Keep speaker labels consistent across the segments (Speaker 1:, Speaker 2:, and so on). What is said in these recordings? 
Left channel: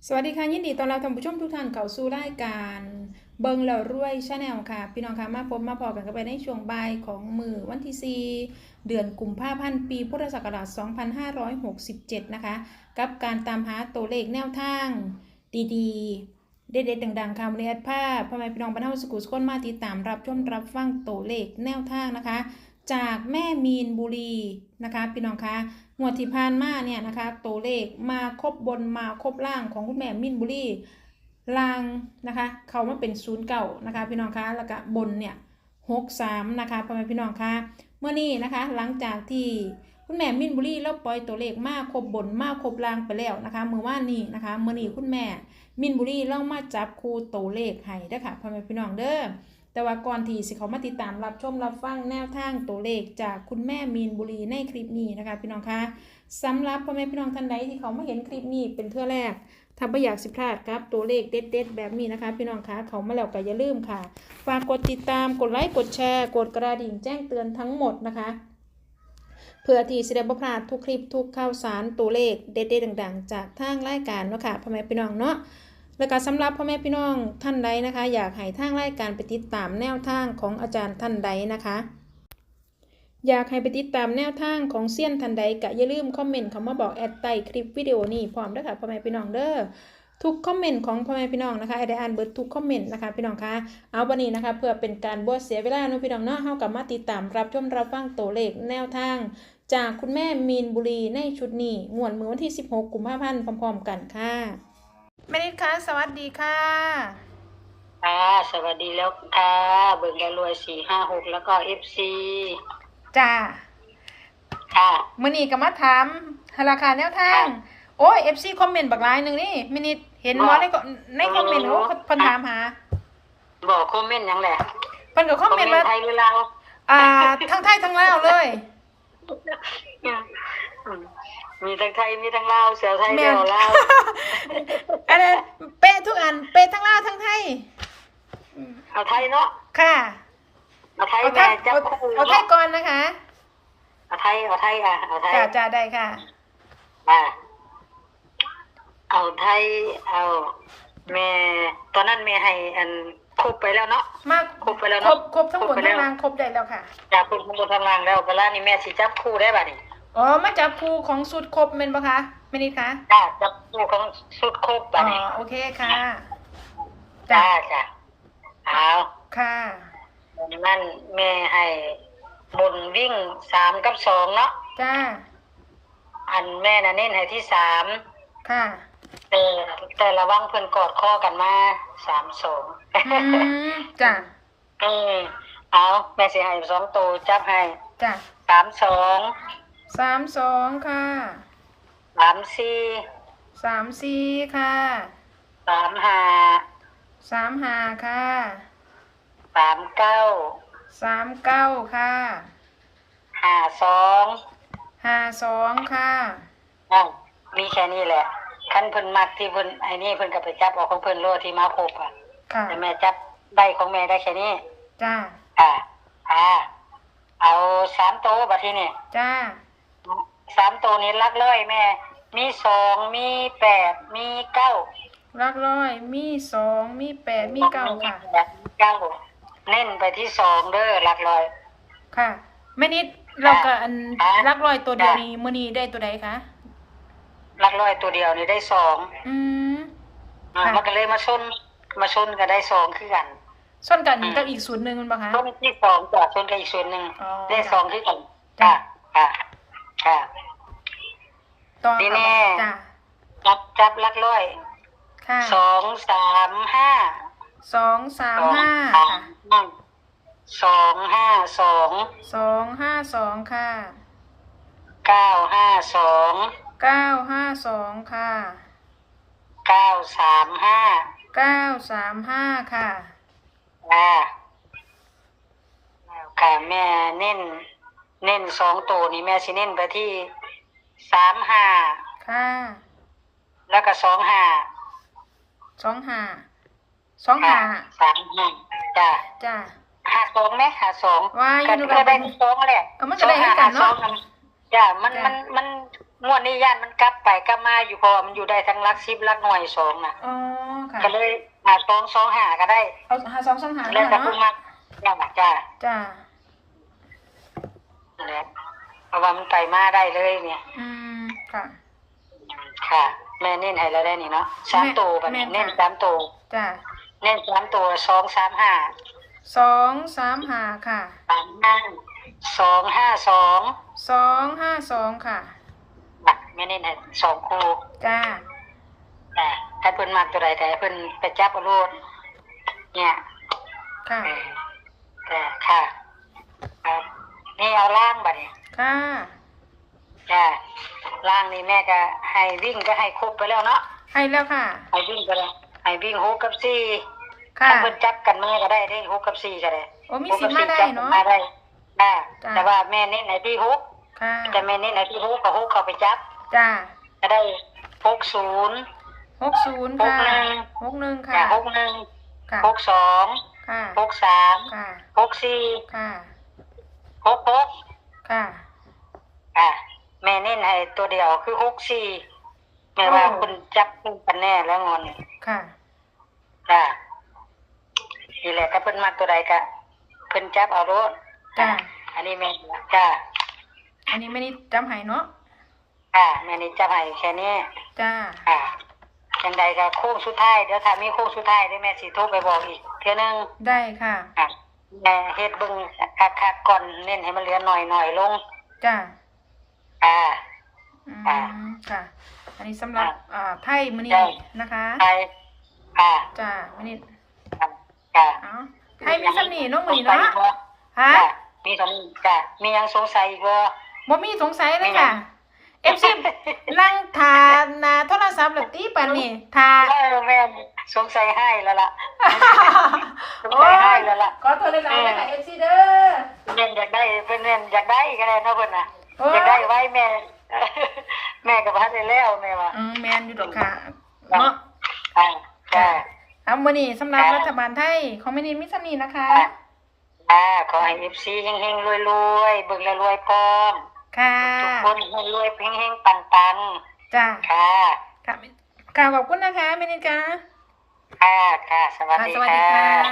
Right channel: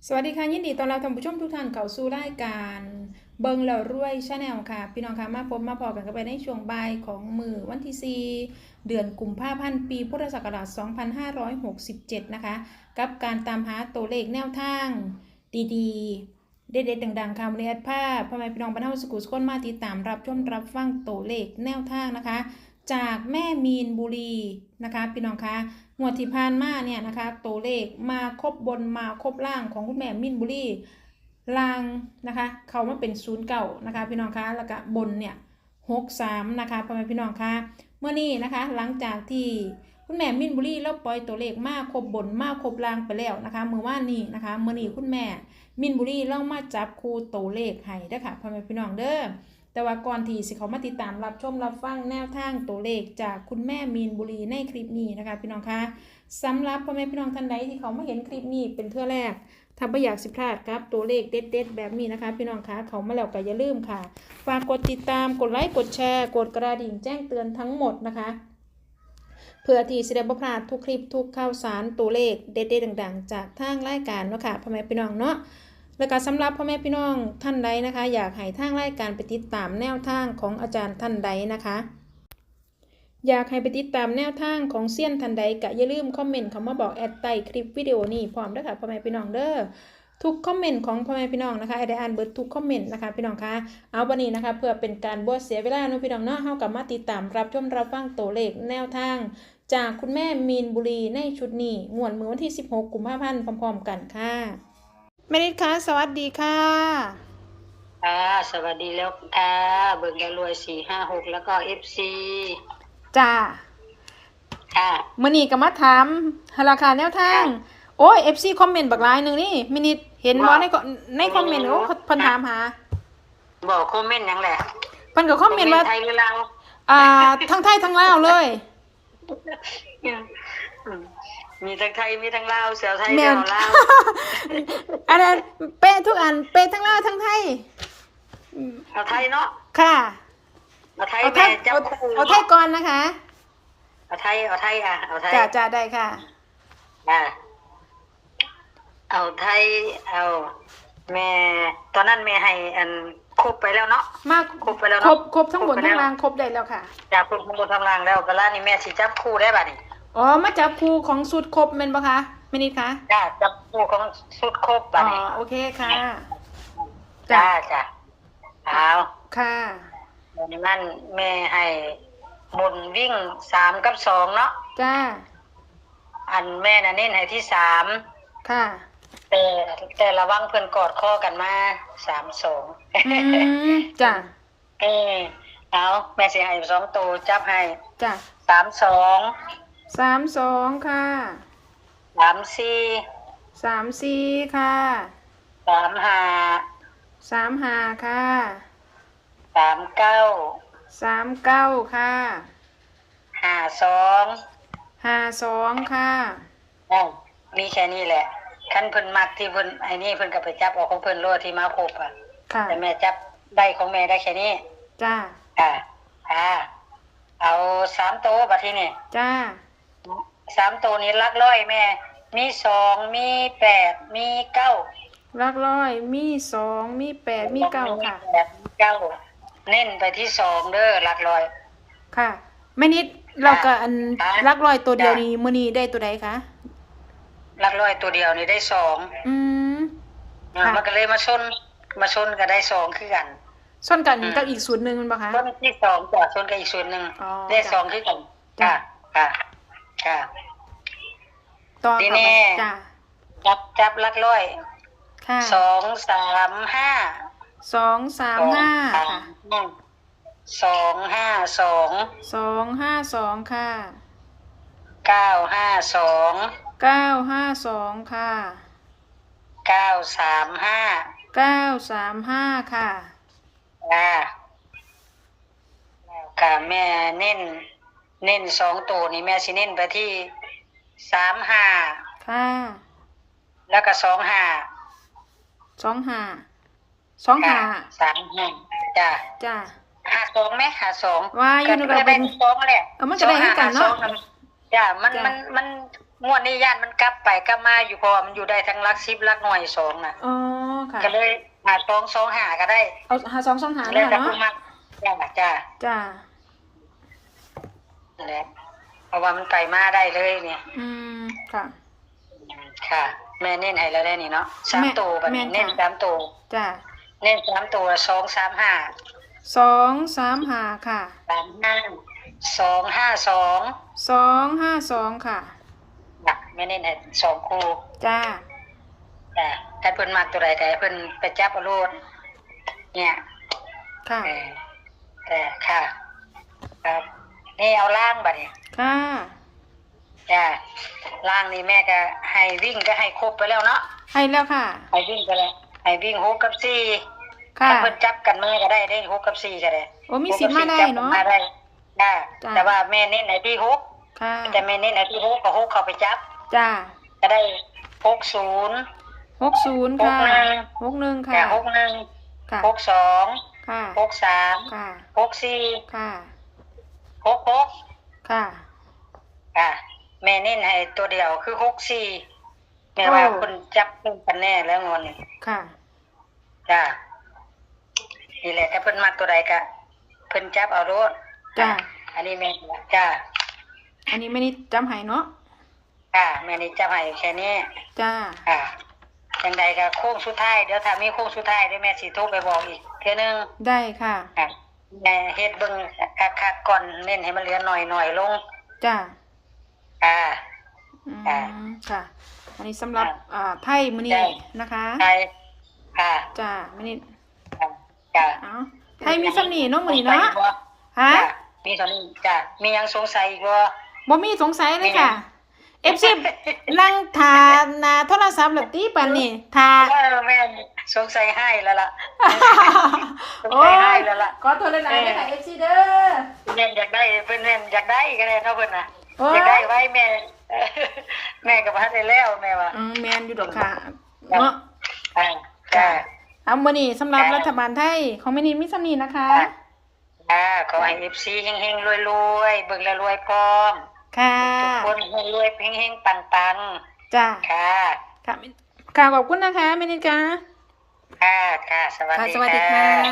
Speaker 1: สวัสดีค่ะยินดีต้อนรับท่านผู้ชมทุกท่านเข้าสู่รายการเบิงแล้วรวยชาแนลค่ะพี่น้องค่ะมาพบมาพอกันกันไปในช่วงบ่ายของมื้อวันที่ 4 เดือนกุมภาพันธ์ปีพุทธศักราช 2567 นะคะกับการตามหาตัวเลขแนวทางดีๆเด็ดๆดังๆค่ะวันนี้ภาพพ่อแม่พี่น้องบรรเทาสุขุสุขคนมาติดตามรับชมรับฟังตัวเลขแนวทางนะคะจากแม่มีนบุรีนะคะพี่น้องคะงวดที่ผ่านมาเนี่ยนะคะตัวเลขมาครบบนมาครบล่างของคุณแม่มีนบุรีล่างนะคะเขามาเป็น09นะคะพี่น้องคะแล้วก็บนเนี่ย63นะคะพ่อแม่พี่น้องคะเมื่อนี้นะคะหลังจากที่คุณแม่มินบุรีเราปล่อยตัวเลขมาครบบนมาครบล่างไปแล้วนะคะเมื่อวานนี้นะคะเมื่อนี้คุณแม่มินบุรีเรามาจับคู่ตัวเลขให้เด้อค่ะพ่อแม่พี่น้องเด้อแต่ว่าก่อนที่สิเขามาติดตามรับชมรับฟังแนวทางตัวเลขจากคุณแม่มีนบุรีในคลิปนี้นะคะพี่น้องคะสำหรับพ่อแม่พี่น้องท่านใดที่เขามาเห็นคลิปนี้เป็นเทื่อแรกถ้าไม่อยากสิพลาดครับตัวเลขเด็ดๆแบบนี้นะคะพี่น้องคะเขามาแล้วก็อย่าลืมค่ะฝากกดติดตามกดไลค์กดแชร์กดกระดิ่งแจ้งเตือนทั้งหมดนะคะเพื่อที่จะได้บ่พลาดทุกคลิปทุกข่าวสารตัวเลขเด็ดๆดังๆจากทางรายการเนาะค่ะพ่อแม่พี่น้องเนาะแล้วก็สำหรับพ่อแม่พี่น้องท่านใดนะคะอยากให้ทางรายการไปติดตามแนวทางของอาจารย์ท่านใดนะคะอยากให้ไปติดตามแนวทางของเซียนท่านใดก็อย่าลืมคอมเมนต์คำว่าบอกแอดใต้คลิปวิดีโอนี้พร้อมด้วยค่ะพ่อแม่พี่น้องเด้อทุกคอมเมนต์ของพ่อแม่พี่น้องนะคะได้อ่านเบิดทุกคอมเมนต์นะคะพี่น้องคะเอาวันนี้นะคะเพื่อเป็นการบ่เสียเวลาเนาะพี่น้องเนาะเฮากลับมาติดตามรับชมรับฟังตัวเลขแนวทางจากคุณแม่มีนบุรีในชุดนี้งวดมื้อวันที่16กุมภาพันธ์พร้อมๆกันค่ะแม่นิดคะสวัสดีค่ะ
Speaker 2: สวัสดีแล้วค่ะเบิกแล้วรวย456แล้วก็ FC
Speaker 1: จ้า
Speaker 2: ค่ะ
Speaker 1: มื้อนี้ก็มาถามราคาแนวทางโอ้ย FC คอมเมนต์บักหลายนึงนี่แม่นิดเห็นบ่ในคอมเมนต์โอ้เพิ่นถามหา
Speaker 2: บอกคอมเมนต์หยังแหละ
Speaker 1: เพิ่นก็คอมเมนต์ว่า
Speaker 2: ไทยหรือลาว
Speaker 1: ทั้งไทยทั้งลาวเลย
Speaker 2: มีทั้งไทยมีทั้งลาวเสียวไทยเดียวลาว
Speaker 1: อันนั้นเป๊ะทุกอันเป๊ะทั้งลาวทั้งไทย
Speaker 2: เอาไทยเนาะ
Speaker 1: ค่ะ
Speaker 2: เอาไทยแม่จับคู่
Speaker 1: เอาไทยก่อนนะคะ
Speaker 2: เอาไทยเอาไทย
Speaker 1: จ้าได้ค่ะ
Speaker 2: เอาไทยเอาแม่ตอนนั้นแม่ให้อันครบไปแล้วเนาะครบไปแล้วเนาะ
Speaker 1: ครบทั้งหมดทั้งรางครบได้แล้วค่ะ
Speaker 2: จากครบทั้งหมดทั้งรางแล้วก็แล้วนี่แม่สิจับคู่ได้บัดนี้
Speaker 1: อ๋อมาจับคู่ของสูตรครบแม่นบ่คะแม่นิดคะ
Speaker 2: จ้าจับคู่ของสุดครบบัดนี้
Speaker 1: โอเคค่ะ
Speaker 2: จ้าเอา
Speaker 1: ค่ะ
Speaker 2: นั่นแม่ให้บนวิ่ง3 กับ 2เนาะ
Speaker 1: จ้า
Speaker 2: อันแม่น่ะเน้นให้ที่3
Speaker 1: ค่ะ
Speaker 2: แต่ระวังเพิ่นกอดคอกันมา3-2
Speaker 1: จ้า
Speaker 2: เอาแม่สิให้2ตัวจับให้
Speaker 1: จ้า32ค่ะ34ค่ะ35ค่ะ39ค่ะ52ค่ะ
Speaker 2: มีแค่นี้แหละคันเพิ่นมักที่เพิ่นไอ้นี่เพิ่นก็ไปจับเอาของเพิ่นโลดที่มาครบแต่แม่จับได้ของแม่ได้แค่นี้
Speaker 1: จ้า
Speaker 2: เอา3ตัวบัดทีนี้
Speaker 1: จ้า
Speaker 2: 3ตัวนี้หลักร้อยแม่มี2มี8มี9
Speaker 1: หลักร้อยมี2มี8มี9ค่ะ
Speaker 2: เน้นไปที่2เด้อหลักร้อย
Speaker 1: ค่ะแม่นิดเราก็อันหลักร้อยตัวเดียวนี้มื้อนี้ได้ตัวใดคะ
Speaker 2: หลักร้อยตัวเดียวนี่ได้2มันก็เลยมาชนก็ได้2คือกัน
Speaker 1: ชนกันกับอีกสูตรนึงมันบ่คะ
Speaker 2: ชนที่2จ้ะชนกับอีกสูตรนึงได้2คือกันค่ะ
Speaker 1: ต่อ
Speaker 2: ทีนี้จับหลักร้อย
Speaker 1: ค่ะ
Speaker 2: 235
Speaker 1: 252ค่ะ952ค่ะ935ค่ะ
Speaker 2: แล้วค่ะแม่เน้น2ตัวนี่แม่สิเน้นไปที่35
Speaker 1: ค่ะ
Speaker 2: แล้วก็25จ้ะ52มั้ย52
Speaker 1: ว่าอยู่ใน
Speaker 2: ได้2แหละ
Speaker 1: มันก็ได้กันเนาะ
Speaker 2: จ้ามันงวดนี้ย่านมันกลับไปกลับมาอยู่เพราะว่ามันอยู่ได้ทั้งหลัก10หลักหน่วย2น่ะ
Speaker 1: อ๋อค่ะ
Speaker 2: ก็เลยหา225ก็ได้
Speaker 1: เอาหา2 2 หา
Speaker 2: แล้วแต่
Speaker 1: เนาะ
Speaker 2: ผู้มักจ้า
Speaker 1: จ้า
Speaker 2: นั่นแหละเพราะว่ามันไปมาได้เลยเนี่ย
Speaker 1: ค่ะ
Speaker 2: ค่ะ แม่เน้นให้แล้วได้นี่เนาะ3ตัวบัดนี้เน้น3ตัว
Speaker 1: จ้า
Speaker 2: เน้น3ตัว235
Speaker 1: 2 3 5ค่ะ
Speaker 2: 252
Speaker 1: 2 5 2ค่ะ
Speaker 2: แม่เน้นให้2คู่
Speaker 1: จ้า
Speaker 2: จ้ะถ้าเพิ่นมักตัวใดก็ให้เพิ่นไปจับเอาโลดเนี่ย
Speaker 1: ค่ะ
Speaker 2: แต่ค่ะครับนี่เอาล่างบัดนี้
Speaker 1: ค่ะ
Speaker 2: จ้ะล่างนี่แม่ก็ให้วิ่งก็ให้ครบไปแล้วเนาะ
Speaker 1: ให้แล้วค่ะ
Speaker 2: ให้วิ่งไปแล้วให้วิ่ง6กับ4
Speaker 1: ค่ะ
Speaker 2: ถ้าเพิ่นจับกันมาก็ได้6กับ4ก็ได้
Speaker 1: โอ้มี
Speaker 2: 6
Speaker 1: สิ
Speaker 2: กั
Speaker 1: ทธิ์ไม่ได้
Speaker 2: จับกั
Speaker 1: เนาะ
Speaker 2: มาได้จ้ะ
Speaker 1: จ้ะ
Speaker 2: แต่ว่าแม่เน้นให้ที่
Speaker 1: ค่ะ
Speaker 2: 6แต่แม่เน้นให้ที่6กับ6เข้าไปจับ
Speaker 1: จ้า
Speaker 2: ก็ได้60
Speaker 1: 60ค่ะ61ค่ะ
Speaker 2: จ้ะ61
Speaker 1: ค่ะ
Speaker 2: 62
Speaker 1: ค่ะ
Speaker 2: 63
Speaker 1: ค่ะ
Speaker 2: 64
Speaker 1: ค่ะ
Speaker 2: 66
Speaker 1: ค่ะ
Speaker 2: แม่เน้นให้ตัวเดียวคือ64แม่ว่าคุณจับคู่กันแน่แล้วงอนนี่
Speaker 1: ค่ะ
Speaker 2: จ้ะนี่แหละถ้าเพิ่นมักตัวใดก็เพิ่นจับเอาโลด
Speaker 1: จ้ะ
Speaker 2: อันนี้แม่จ้ะ
Speaker 1: อันนี้ไม่ได้จำให้เนาะ
Speaker 2: แม่นี่จับให้แค่นี้
Speaker 1: จ้า
Speaker 2: จังใดก็โค้งสุดท้ายเดี๋ยวถ้ามีโค้งสุดท้ายเดี๋ยวแม่สิโทรไปบอกอีกเทื่อนึง
Speaker 1: ได้ค่ะ
Speaker 2: แม่เฮ็ดเบิ่งคักๆก่อนเน้นให้มันเหลือหน่อยๆลง
Speaker 1: จ้า
Speaker 2: อ่า
Speaker 1: ค่ะ อันนี้สำหรับไทยมื้อนี้
Speaker 2: ใช่
Speaker 1: นะคะ
Speaker 2: ใช่
Speaker 1: จ้ามื้อนี้
Speaker 2: จ้ะ
Speaker 1: ไทยมีสำนีเนาะมื้อนี้เนาะฮะ
Speaker 2: จ้ะมีเท่านี้จ้ะมียังสงสัยอีกบ่
Speaker 1: บ่มีสงสัยเลยค่ะ FC นั่งทาหน้าโทรศัพท์แล้วตีปานนี้ทา
Speaker 2: แม่สงสัยให้แล้วล่ะ สงสัยให้แล้วล่ะ
Speaker 1: ขอโทษหลายๆนะคะ FC เด้อ
Speaker 2: แม่อยากได้เพิ่นแม่อยากได้ก็ได้เนาะเพิ่นน่ะ
Speaker 1: โอ้ย
Speaker 2: อยากได้ไว้แม่ แม่ก็บ่ทันได้แล้วแม่ว่า
Speaker 1: แม่นอยู่ดอกค่ะเนาะ
Speaker 2: จ้ะ
Speaker 1: เอามื้อนี้สำหรับรัฐบาลไทยของมื้อนี้มีสำนีนะคะ
Speaker 2: ขอให้ FC เฮงๆรวยๆเบิ่งแล้วรวยพร้อม
Speaker 1: ค่ะ
Speaker 2: ทุกคนให้รวยเฮงๆปัง
Speaker 1: จ้า
Speaker 2: ๆค่ะ
Speaker 1: ค่ะค่ะขอบคุณนะคะเมนิกา
Speaker 2: ค่ะสวัสดี
Speaker 1: สวัสดี
Speaker 2: ค่ะ
Speaker 1: ค่ะ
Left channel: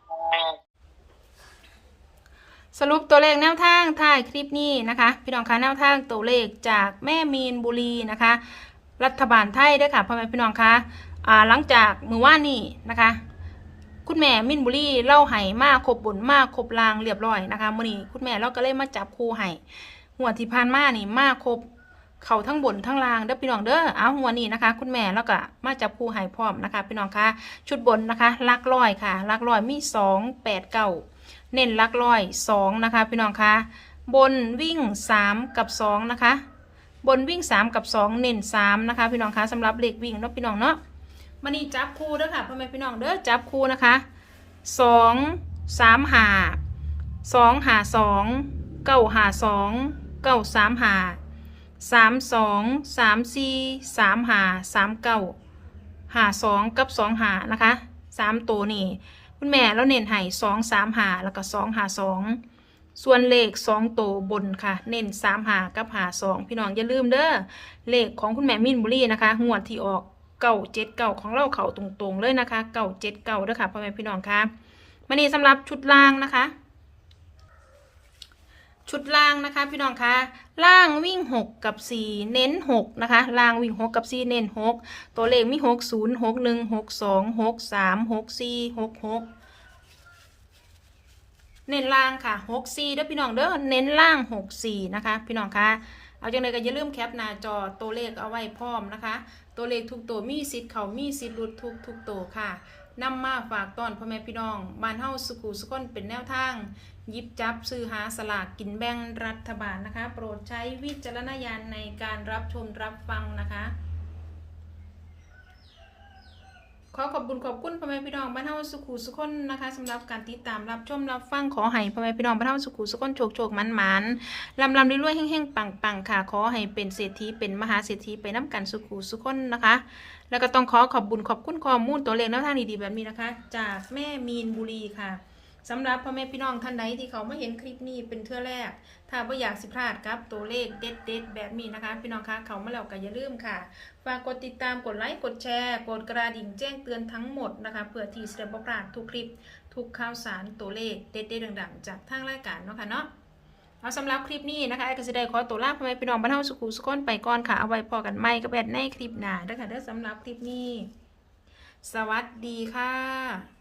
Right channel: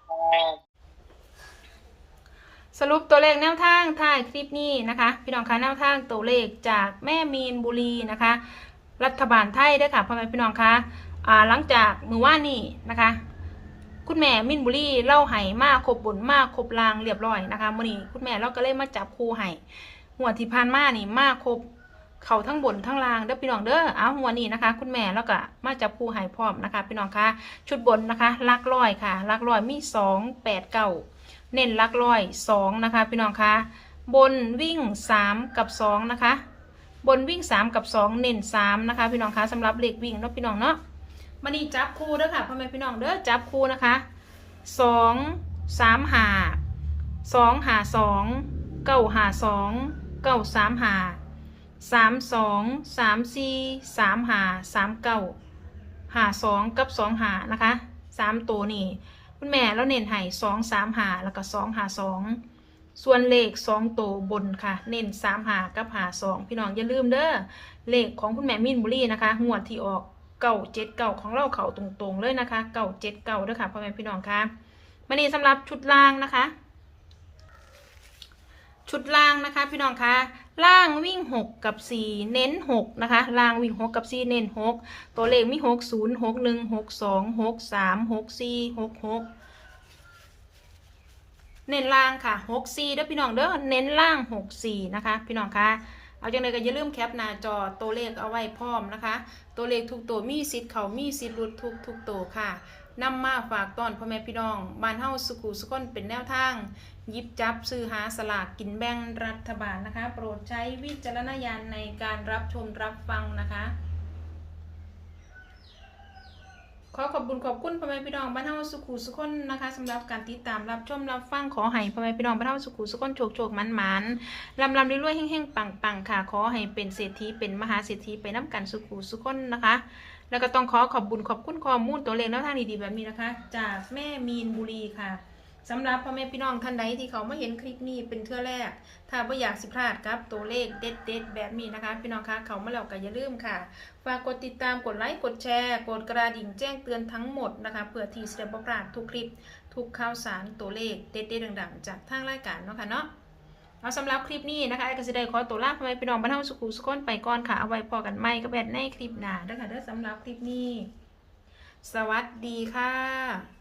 Speaker 1: สรุปตัวเลขแนวทางท้ายคลิปนี้นะคะพี่น้องคะแนวทางตัวเลขจากแม่มีนบุรีนะคะ รัฐบาลไทยด้วยค่ะพ่อแม่พี่น้องคะหลังจากมื้อวานนี้นะคะ คุณแม่มินบุรีเล่าไห้มาครบบนมาครบลางเรียบร้อยนะคะมื้อนี้คุณแม่เราก็เลยมาจับคู่ไห้หัวดที่ผ่านมานี่มาครบเขาทั้งบนทั้งล่างเด้อพี่น้องเด้อเอาหัวนี้นะคะ คุณแม่แล้วก็มาจับคู่ไห้พร้อมนะคะพี่น้องคะชุดบนนะคะลักร้อยค่ะลักร้อยมี2 8 9เน้นลักร้อย2นะคะพี่น้องคะบนวิ่ง3กับ2นะคะบนวิ่ง3กับ2เน้น3นะคะพี่น้องคะสำหรับเลขวิ่งเนาะพี่น้องเนาะมันนี่จับคู่เด้อค่ะพ่อแม่พี่น้องเด้อจับคู่นะคะ2 3 5 2 5 2 9 5 2 9 3 5 3 2 3 4 3 5 3 9 5 2กับ2 5นะคะ3ตัวนี่คุณแม่แล้วเน้นให้2 3 5แล้วก็2 5 2ส่วนเลข2ตัวบนค่ะเน้น3 5กับ5 2พี่น้องอย่าลืมเด้อเลขของคุณแม่มินบุรีนะคะงวดที่ออก979ของเราเขาตรงๆเลยนะคะ979เด้อค่ะพ่อแม่พี่น้องค่ะมื้อนี้สำหรับชุดล่างนะคะชุดล่างนะคะพี่น้องคะล่างวิ่ง6กับ4เน้น6นะคะล่างวิ่ง6กับ4เน้น6ตัวเลขมี60 61 62 63 64 66เน้นล่างค่ะ64เด้อพี่น้องเด้อเน้นล่าง64นะคะพี่น้องคะเอาจังเลยก็อย่าลืมแคปหน้าจอตัวเลขเอาไว้พร้อมนะคะตัวเลขทุกตัวมีสิทธิ์เขามีสิทธิ์หลุดทุกตัวค่ะนำมาฝากตอนพ่อแม่พี่น้องบ้านเฮาสุขุสุขนเป็นแนวทางหยิบจับซื้อหาสลากกินแบ่งรัฐบาลนะคะโปรดใช้วิจารณญาณในการรับชมรับฟังนะคะขอขอบคุณพ่อแม่พี่น้องบ้านเฮาสุขุสุขนนะคะสำหรับการติดตามรับชมรับฟังขอให้พ่อแม่พี่น้องบ้านเฮาสุขุสุขนโชคมันลำรวยๆแห้งๆปังค่ะขอให้เป็นเศรษฐีเป็นมหาเศรษฐีไปน้ำกันสุขุสุขนนะคะแล้วก็ต้องขอบคุณข้อมูลตัวเลขแนวทางดีๆแบบนี้นะคะจากแม่มีนบุรีค่ะสำหรับพ่อแม่พี่น้องท่านใดที่เขามาเห็นคลิปนี้เป็นเทื่อแรกถ้าไม่อยากสิพลาดครับตัวเลขเด็ดๆแบบนี้นะคะพี่น้องคะเขามาแล้วก็อย่าลืมค่ะฝากกดติดตามกดไลค์กดแชร์กดกระดิ่งแจ้งเตือนทั้งหมดนะคะเพื่อที่จะได้บ่พลาดทุกคลิปทุกข่าวสารตัวเลขเด็ดๆดังๆจากทางรายการเนาะค่ะเนาะเอาสำหรับคลิปนี้นะคะก็จะได้ขอตัวลาพ่อแม่พี่น้องบ้านเฮาสุขุสุขนไปก่อนค่ะเอาไว้พอกันใหม่กับแอดในคลิปหน้าเด้อค่ะเด้อสำหรับคลิปนี้สวัสดีค่ะ